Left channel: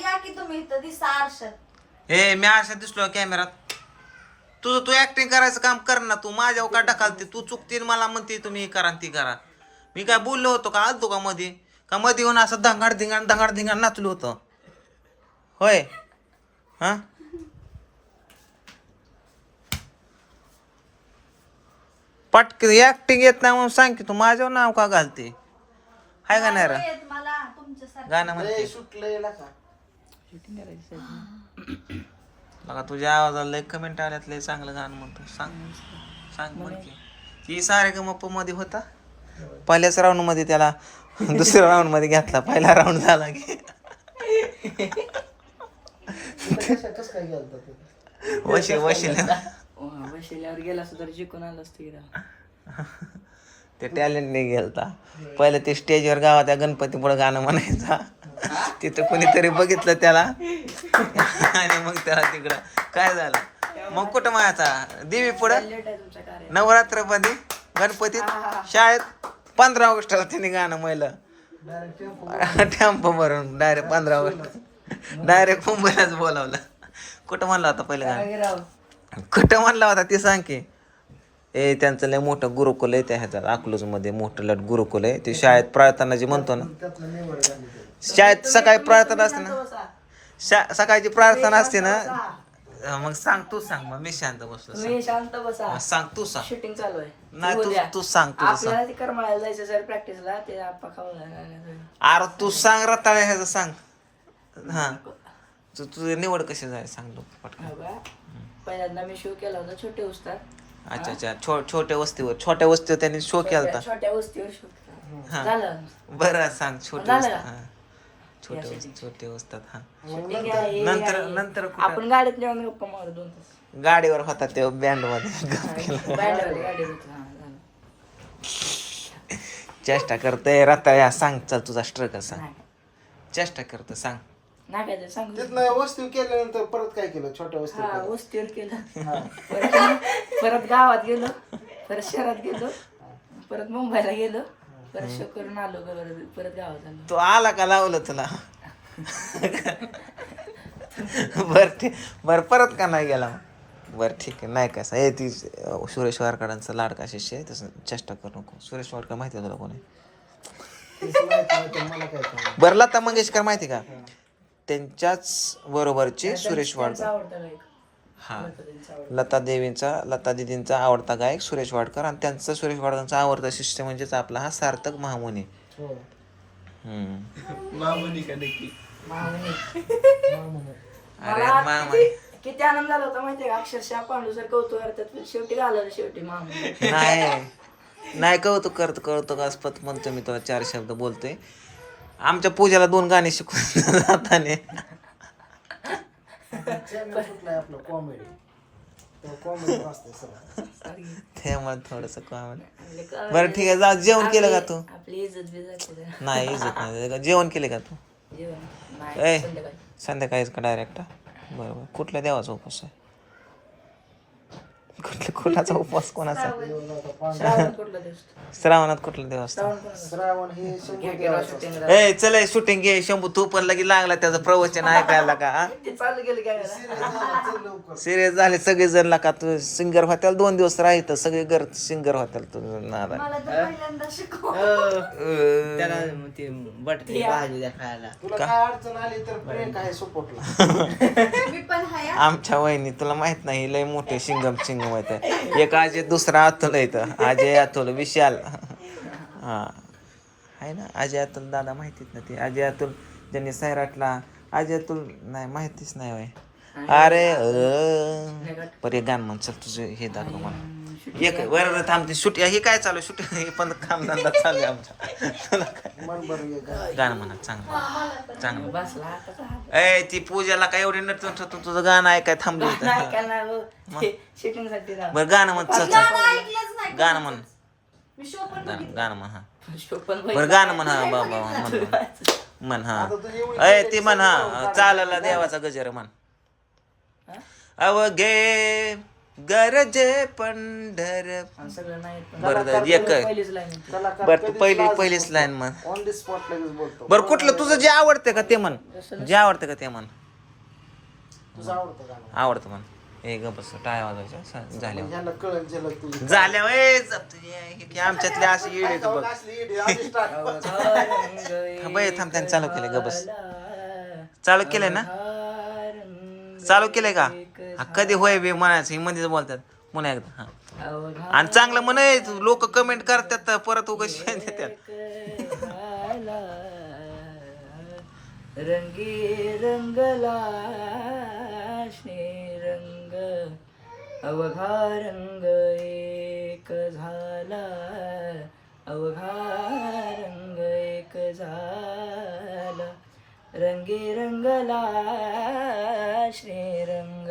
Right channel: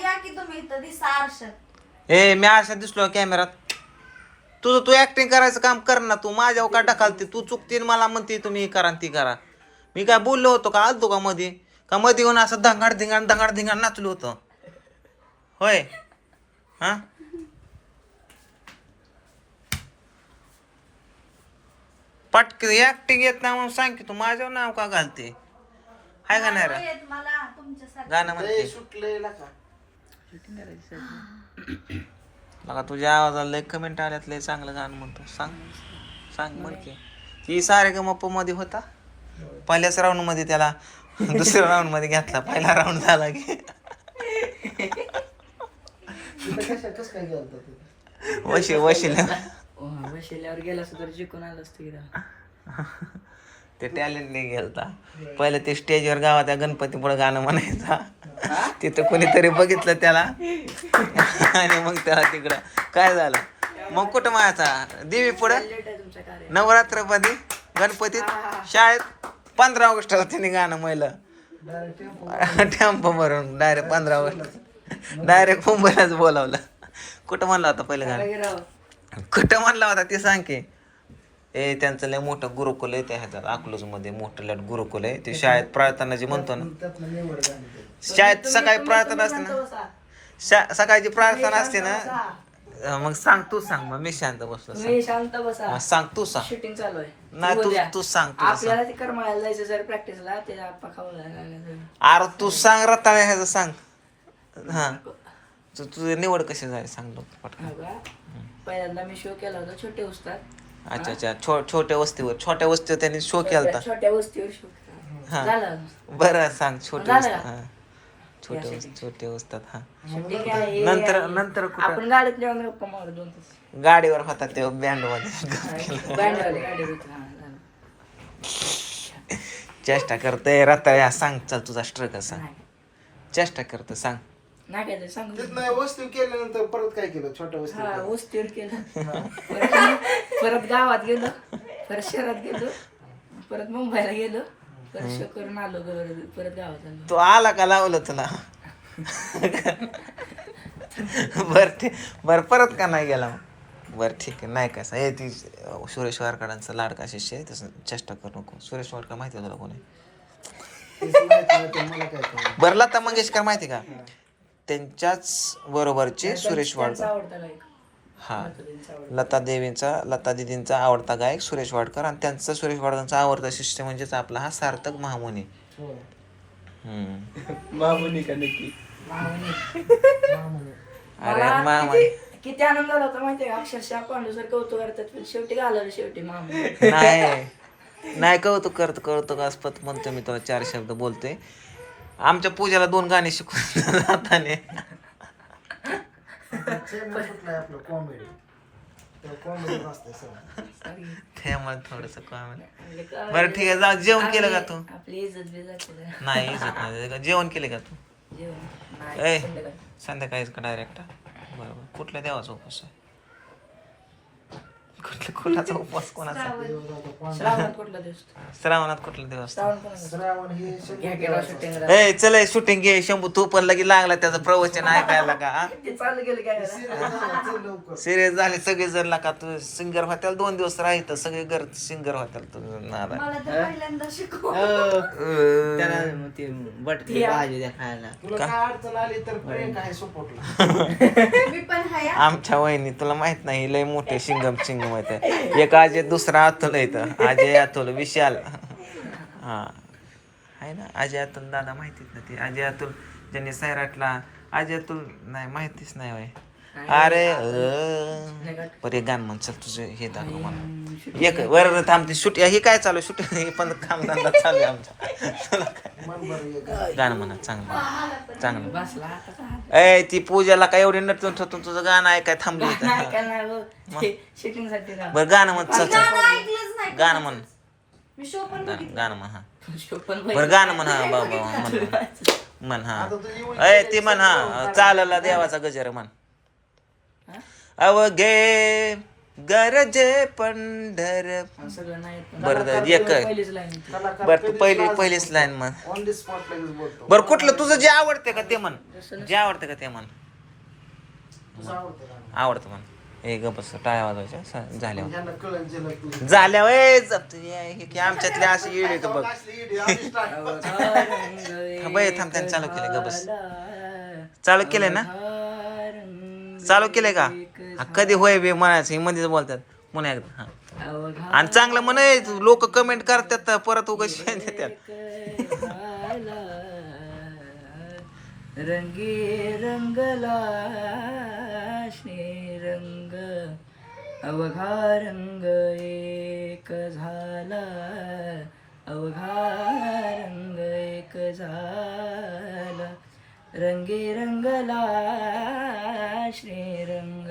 या की तुम्ही इथं दिसा आरशात? ए मी अशा दिसलो कॅमेरात. तुझं तू ऍक्टिंग करायचं काम कर ना तू. माझ्यावर का ढकलते. तू चुकते आणि मला म्हणते तुम्ही हे करा आणि ती करा. मी काय बोललो होतो का आलतो का मध्ये का मध्ये येऊन असं धंगाड धिंगाण धंगाड धिंगाण नाचलो होतं? होय? हा? पटक ऍक्टिंग येत नाही म्हणून सांग की तू माझ्यावर नाव का घालते? हाय का नाही रे? येत मला तुमच्यासारखं. गाणं म्हणते. लय सुटलंय ना का बघा तुझ्या आवाजाला लय कमेंट आल्यात लय चांगलं गाणं म्हणतो. सांग. सांग म्हण की. ही सारे गमपमध्ये होता? पहिल्याच राऊंडमध्ये त्याला दुसऱ्या राऊंडमध्ये घातला. पहिला राऊंड झाला की? वशी वशीला. बसल्यावर गेला सुद्धा जिंकून आलं असतं की ते टॅलेंट नाही गेलता. पहिले ते स्टेजवर गावात गणपती पुढे गाणं म्हणायचा. तिथं कोणीतरी बघितलं त्याला. आणि मग त्याला तिकडं. काय झालं? मग कुठं मायाचा देवी पुढं? नवरात्रमध्ये? गणपतीत? शाळेत? पंधरा ऑगस्टला त्यांनी गाणं म्हणलं टेम्पो भरून डायरेक्ट पंधरा ऑगस्ट. डायरेक्ट मुंबईलाच बोलावलं. कुठं म्हणला होता पहिलं गाणं? कुठं म्हणला होता ती सांग की? ए त्यांचं लय मोठं गुरुकुल आहे त्या ह्याच्यात अकलूजमध्ये मोठं लट गुरुकुल आहे. ते शाळेत प्रार्थना जी म्हणतो ना. शाळेत सकाळी प्रार्थना असते ना शा सकाळची प्रार्थना असते ना मग सांग तू सांग मग मी शांत बसलो सांग. मी शांत बसा. हा, सांग तू सांग. शूटिंग चालू आहे. नाही तू उद्या. तू सांग तू आपल्याला ते करमाळ्याला जायचं सर प्रॅक्टिसला ते आप्पा खाऊन अरे तू सांग रताळे ह्याचं सांग. हा. तू तुझी निवड कशी झाली सांग पटकन. पहिल्यांदा मी शो केला होता छोटे उस्ताद. अच्छा अच्छा. छो छोट्या वस्तीवर. छोट्या वस्तीवर त्यांनी शो केला होता छोट्या वस्तीवर शो हा. झालं बरं सांग छोटे झालं वस्ती? हा. छोटे वस्ती छोटे वस्तात हा. नंतर नंतर कुठं? आपण गाडीत जेवण गप्पा मारू दोन तास. गाडीवर होता ते बँडमध्ये गाडीवाली हा झालं चेष्टा करते रताळ्या सांग चल तुझा स्ट्रगल सांग. नाही. चेष्टा करते सांग. ते सांगू तिथनं वस्ती केल्यानंतर परत काय केलं? छोट्या वस्ती हा वस्तीवर केलं. परत परत गावात गेलो. परत शहरात गेलो. परत मुंबईला गेलो. परत शो करून आलो परत परत गावात आलो. तू आला का लावलं तुला बर ठीक बर परत का नाही गेला? मग? बर ठीक आहे नाही कसं हे ती अं, सुरेश वारकडांचा लाडका शिष्य आहे तसं चेष्टा करू नको. सुरेश वाडकर माहिती आहे तुला कोणी? तेच माहीत नाही तर मला काय कळलं. बरं लता मंगेशकर माहिती का? त्यांच्याच बरोबरचे सुरेश वाडकर. हा. लता देवींचा लता दिदींचा आवडता गायक सुरेश वाडकर आणि त्यांचा सुरेश वाडकरांचा आवडता शिष्य म्हणजेच आपला हा सार्थक महामुनी. हो. अरे किती- आनंद झाला होता माहितीये का? अक्षरशः पांडू सर कौतुक करतात पण शेवटी घालवलं शेवटी मामुनी नाही. नाही कौतुक करतो कौतुकास्पद म्हणतो मी तुला चार शब्द बोलतोय. आमच्या पूजाला दोन गाणी शिकवून जाताने. चॅनल कुठला आहे आपलं कॉमेडी कॉमेडी असतं सर त्यामुळे थोडस काम बरं ठीक आहे जा जेवण केलं का तू? आपली इज्जत नाही इज्जत नाही जेवण केले का तू? जेवण. ए. संध्याकाळीच का डायरेक्ट बरोबर कुठल्या देवाचा उपवास आहे? कुठल्या कुणाचा उपवास कोणाचा? श्रावण. कुठला दिवस श्रावणात कुठला देव असतो श्रावण कोणाचा श्रावण हे घ्या केला शूटिंग ए चल शूटिंग घे शंभू. तू पण लगे लागला त्याचं प्रवचन ऐकायला का हा? ते चालू गेलं काय लवकर. सिरियस झाले सगळे जण का? तू सिंगर होत्याला दोन दिवस राहित सगळे घर सिंगर होत्याला तू नादा मला तर पहिल्यांदा शिकव तुला काय अडचण आली तर प्रियंका आहे सपोर्टला मी पण हाय हा. आमच्या वहिनी तुला माहीत नाही लय मोठे सिंगम सिंगम आहेत. एक अजय दुसरा अतुल इथं अजय अतुल विशाल. हा. आहे ना अजय अतुल दादा माहितीच ना ते. अजय अतुल ज्यांनी सैराटला अजय अतुल नाही माहितीच नाही वय अरे अं. बरं एक गाणं म्हण चल तुझं हे दाखव मला. एक वर थांबते सुट हे काय चालू सुट हे पण काम धंदा चालू आहे आमचा. काय? गाणं म्हणा चांगलं चांगलं ए ती पूजाला काय एवढी नटून ठटून तुझं गाणं ऐकाय थांबली इथं नाही का नाही शूटिंगसाठी ना बरं गाणं म्हण चल चल. ऐकलंच नाही. गाणं म्हण. गाणं म्हण हा. बरं गाणं म्हण हा बाबा म्हण म्हण. हा. ए ती म्हण हा चालला देवाचा गजर म्हण. अवघे गरजे पंढर. सगळं नाही बरं तर एक पहिलीच लाईन कलाकार बर तू पहिली पहिलीच लाईन म्हण. ऑन दी स्पॉट लगेच बोलतो. बर कुठलं तुझं जे आवडते का ते म्हण. जे आवडते का ते म्हण. तुझं आवडतं गाणं आवडतं म्हण. हे ग बस टाळ्या वाजवायच्या स- झाल्यावर ज्यांना कळेल ज्याला तू झाल्यावर ए, जप- हे- हे की आमच्यातले असे गेले तर बघ. असली इडी, start. थांब त्यानं चालू केलं ग बस. चालू केलंय ना? चालू केलंय का? हा, कधी होय बे म्हणायचं हे मध्येच बोलतात. म्हणा एकदा हा. आणि चांगलं म्हणे लोक कमेंट करतात परत उगाच देतात. रंगी रंगला रंग अवघा रंग एक झाला अवघा रंग एक झाला. रंगी रंगला श्रीरंग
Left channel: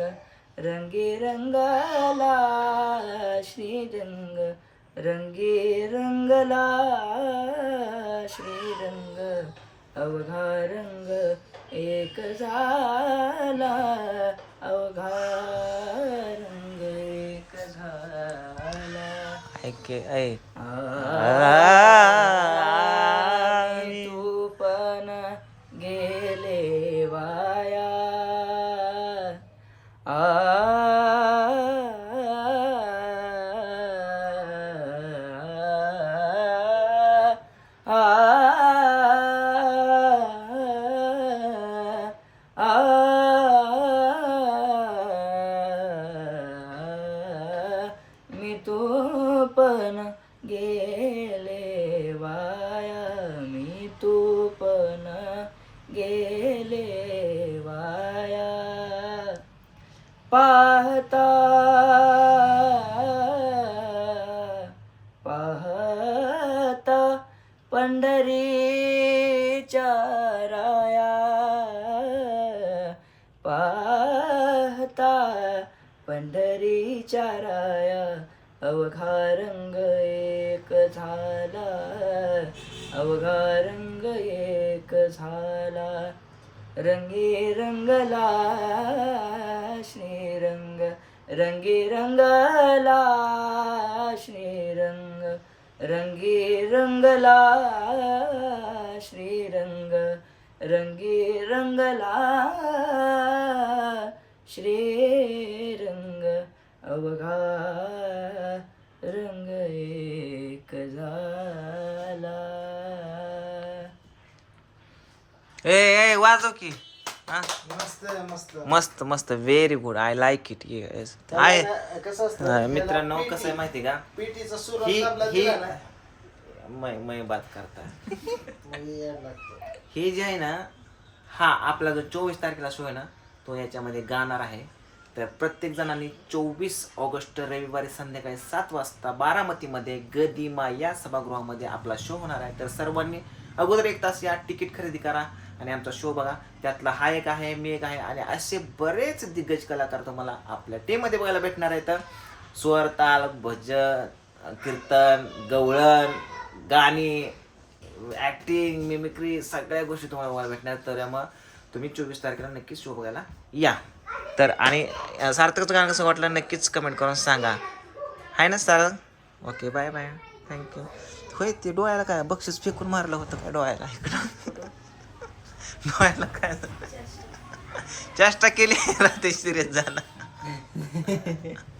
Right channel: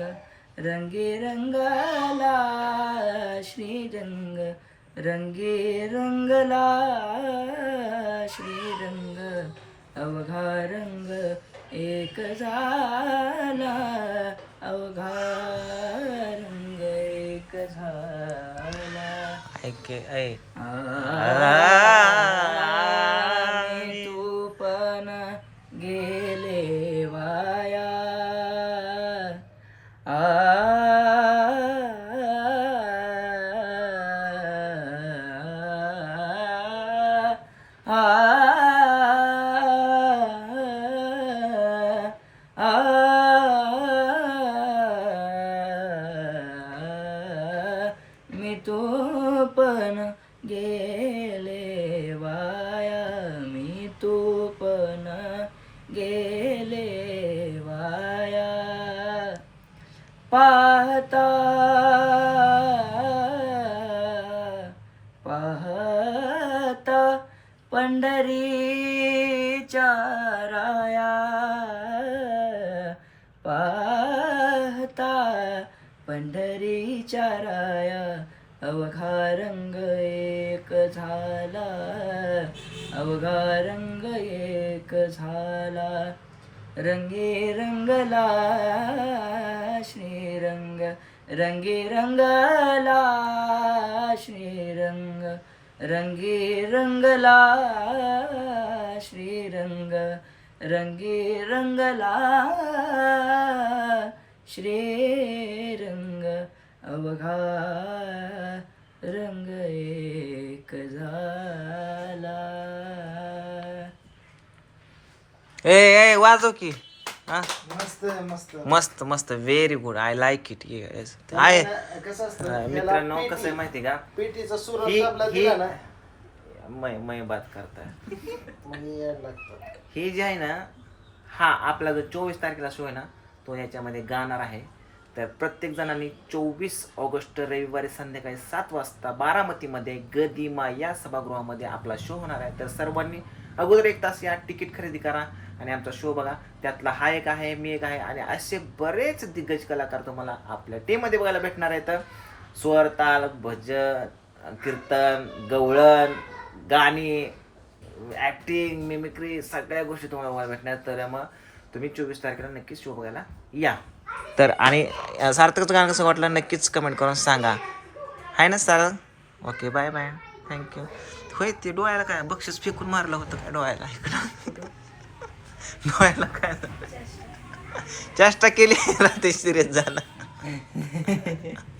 रंगी रंगला श्रीरंग रंगी रंगला श्रीरंग. अवघा रंग एक झाला अवघा रंग एक झाला. ऐक ऐ पण गेले वाया मी तू पण गेले वाया. पाहता पाहता पंढरीच्या राया. पाहता पंढरीच्या राया. अवघा रंग एक झाला. अवघा रंग एक झाला. रंगी रंगला श्रीरंग. रंगी रंगला श्रीरंग. रंगी रंगला श्रीरंग. रंगी रंगला श्रीरंग. अवघा रंग एक झाला. ए ए वाजव की. हा? मस्त मस्त. मस्त मस्त. Very good I like it आहे. कसं असतं? मित्रांनो कसं आहे माहिती का? पेटीचा ही आपला ही दिला ना. मै मै बात मग लागतं. हे जे आहे ना हा आपला जो चोवीस तारखेला शो आहे ना तो याच्यामध्ये गाणार आहे. तर प्रत्येक जणांनी चोवीस ऑगस्ट रविवारी संध्याकाळी सात वाजता बारामतीमध्ये गदिमा या सभागृहामध्ये आपला शो होणार आहे. तर सर्वांनी अगोदर एक तास या तिकीट खरेदी करा आणि आमचा शो बघा. त्यातला हा एक आहे मी एक आहे आणि असे बरेच दिग्गज कलाकार तुम्हाला आपल्या टीममध्ये बघायला भेटणार आहेत. स्वर ताल भजन कीर्तन गवळण गाणी ॲक्टिंग मिमिक्री सगळ्या गोष्टी तुम्हाला बघायला भेटणार तर मग तुम्ही चोवीस तारखेला नक्कीच शो बघायला या. तर आणि सार्थकचं गाणं कसं वाटलं नक्कीच कमेंट करून सांगा. आहे ना sir? Okay bye bye thank you होय ते डोळ्याला काय बक्षीस फेकून मारलं होतं काय डोळ्याला इकडं? डोळ्याला काय चेष्टा केली ते सिरियस झाला.